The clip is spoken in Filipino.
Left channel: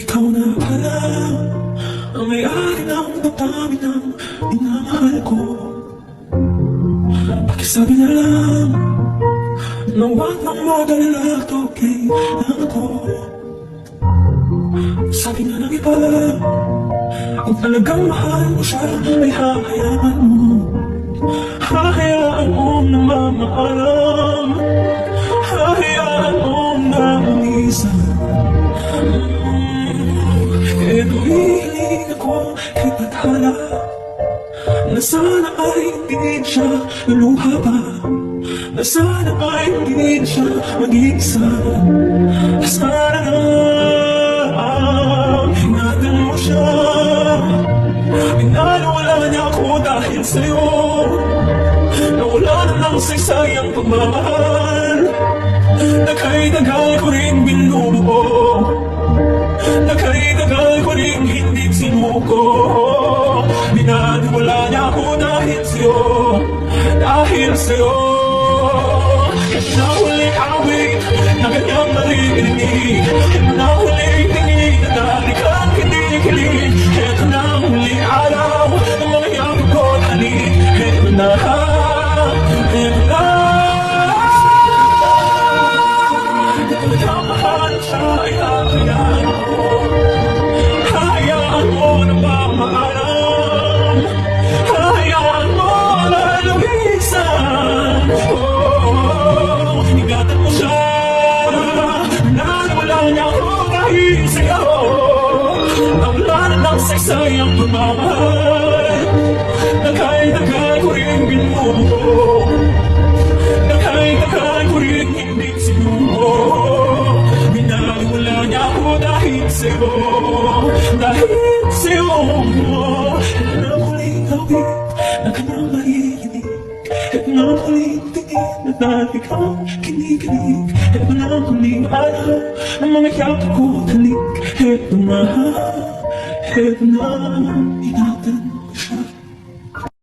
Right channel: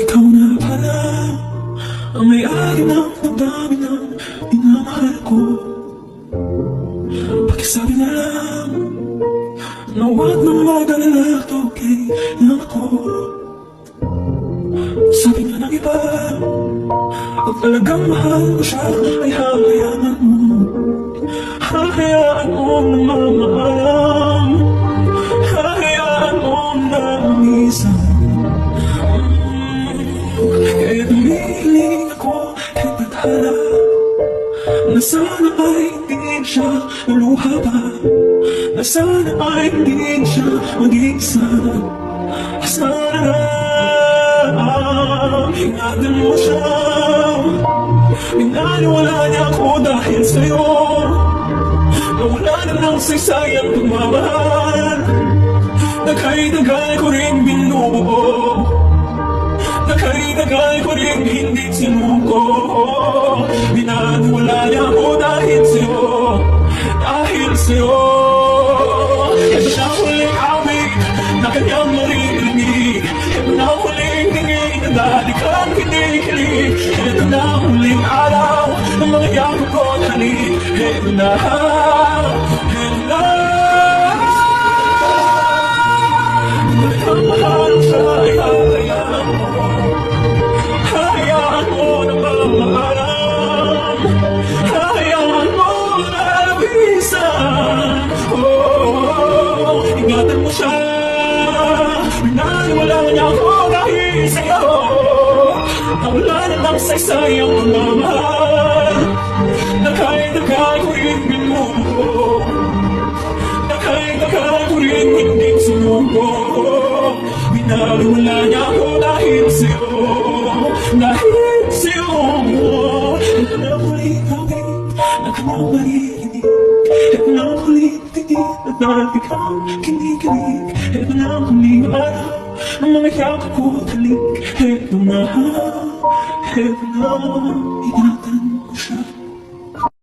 Ikaw na pala ang may-ari ng damdamin ng minamahal ko. Pakisabi na lang na huwag nang mag-alala, okay lang ako. Sabi nga ng iba, kung talagang mahal mo siya ay hahayaan mo. Hahayaan mong namamahalam, hahayaan mong nangisan. Kaya tumiling ako kahit bathala na sana ay hindi siya luluha pa, na sana ay hindi siya mag-iisa. Sana ingatan mo siya. Minalwala niya ako dahil sa'yo. Nawala na ng saysayang pagmamahal. Dagay-dagay ko rin binubuo. Dagay-dagay ko rin hindi sinuko. Minalwala niya ako dahil sa'yo. Dahil sa'yo. Ito na huling awit na kanyang naririnig. Ito na huling tingin na dati kang kinikilig. Ito na huling araw ng mga yakap ko at halik. Ito na, ito na. Talagang mahal siya ay hahayaan mo. Hahayaan mo na mamahalam. Hahayaan mo na labisan. Ingatan mo siya. Pinalwala niya ako dahil sa'yo. Nawala na ng saysayang pagmamahal. Dagay-dagay ko rin binubuo. Dagay-dagay ko rin hindi sinuko. Pinalwala niya ako dahil sa'yo. Dahil sa'yo. Ito na huling hawig na kanyang marinig. Ito na huling tingin na dati kang kinikilig. Ito na huling araw ng mga yakap ko at halik. Ito na, ingatan